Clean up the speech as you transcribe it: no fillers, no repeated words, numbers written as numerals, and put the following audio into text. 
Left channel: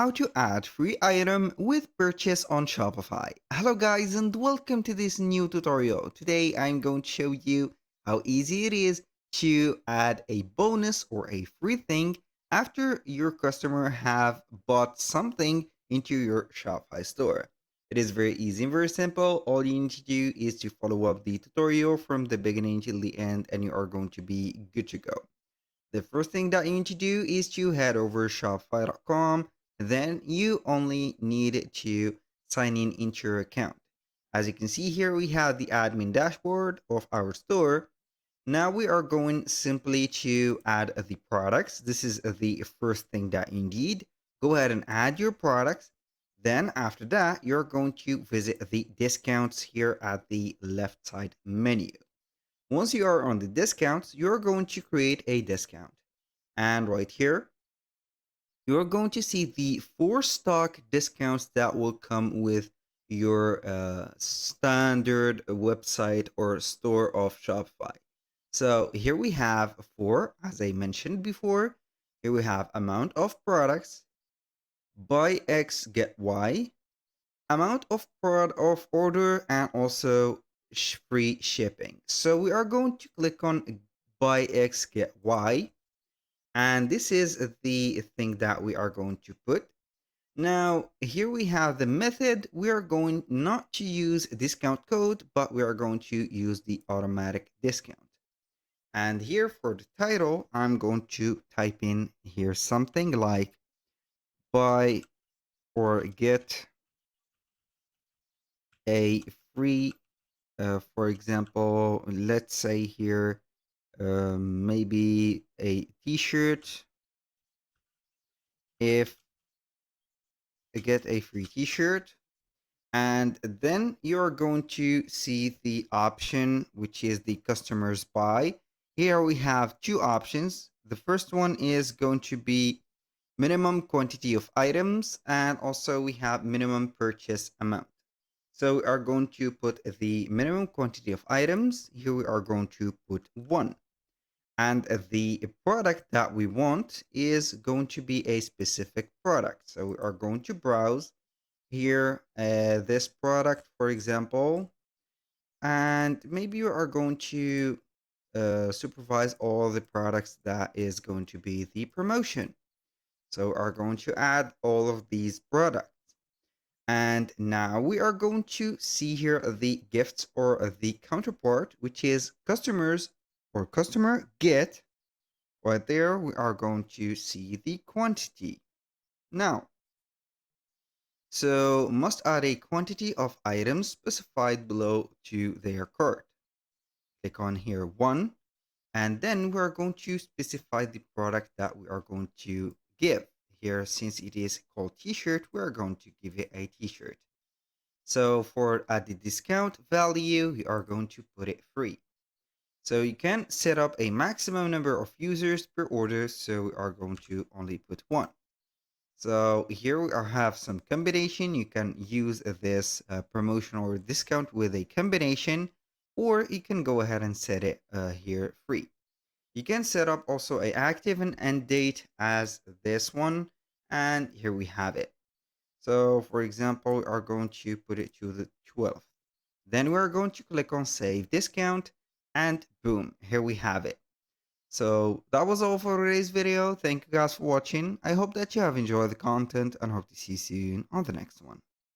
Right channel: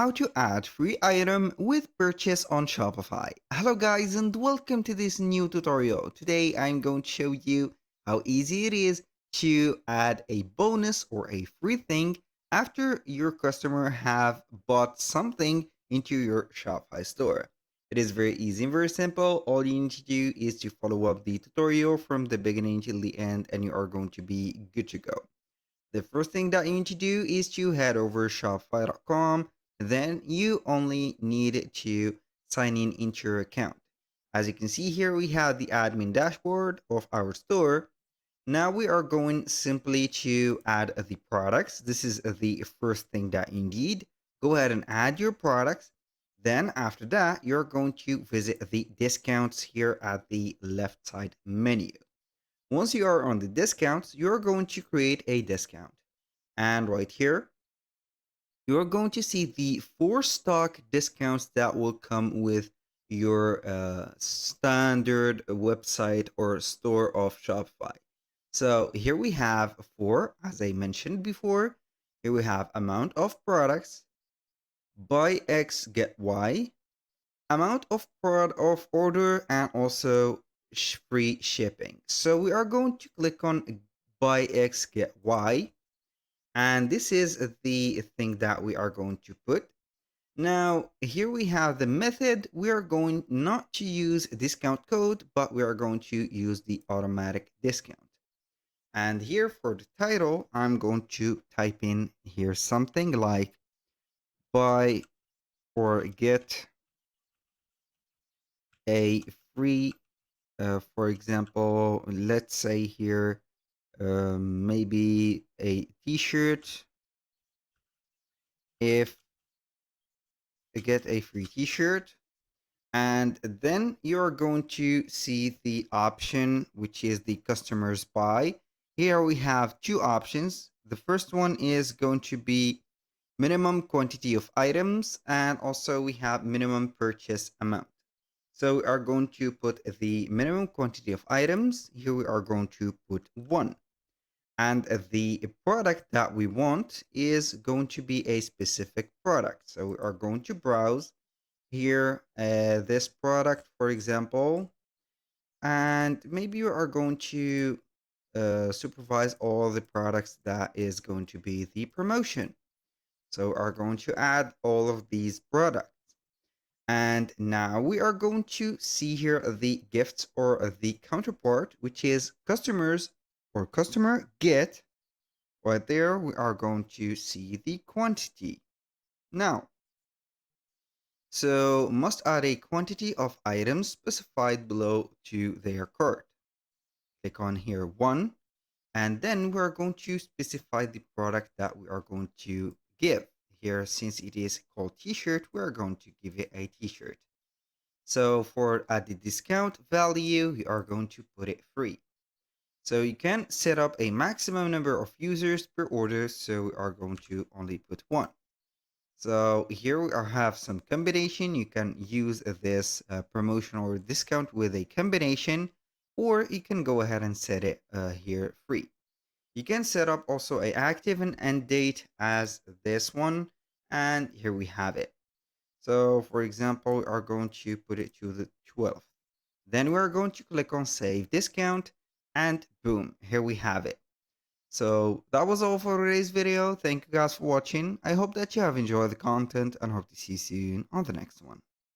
how to add free item with purchase on Shopify. Hello guys and welcome to this new tutorial. Today I'm going to show you how easy it is to add a bonus or a free thing after your customer have bought something into your Shopify store. It is very easy and very simple. All you need to do is to follow up the tutorial from the beginning till the end and you are going to be good to go. The first thing that you need to do is to head over shopify.com. Then you only need to sign in into your account. As you can see here, we have the admin dashboard of our store. Now we are going simply to add the products. This is the first thing that you need. Go ahead and add your products. Then after that, you're going to visit the discounts here at the left side menu. Once you are on the discounts, you're going to create a discount. And right here, you're going to see the 4 stock discounts that will come with your standard website or store of Shopify. So here we have 4, as I mentioned before. Here we have amount of products, buy X, get Y, amount of order, and also free shipping. So we are going to click on buy X, get Y. And this is the thing that we are going to put. Now, here we have the method. We are going not to use discount code, but we are going to use the automatic discount. And here for the title, I'm going to type in here something like buy or get a free, for example, let's say here, maybe a t-shirt. If get a free t-shirt, and then you're going to see the option which is the customers buy. Here we have 2 options. The first one is going to be minimum quantity of items, and also we have minimum purchase amount. So we are going to put the minimum quantity of items. Here we are going to put 1. And the product that we want is going to be a specific product. So we are going to browse here this product, for example, and maybe you are going to supervise all the products that is going to be the promotion. So we are going to add all of these products. And now we are going to see here the gifts or the counterpart, which is customers or customer get. Right there, we are going to see the quantity. Now, so must add a quantity of items specified below to their cart. Click on here 1, and then we're going to specify the product that we are going to give. Here, since it is called t-shirt, we're going to give it a t-shirt. So for at the discount value, we are going to put it free. So you can set up a maximum number of users per order, so we are going to only put 1. So here we have some combination. You can use this promotion or discount with a combination, or you can go ahead and set it here free. You can set up also a active and end date as this one, and here we have it. So for example, we are going to put it to the 12th. Then we're going to click on save discount, and boom, here we have it. So that was all for today's video. Thank you guys for watching. I hope that you have enjoyed the content and hope to see you soon on the next one.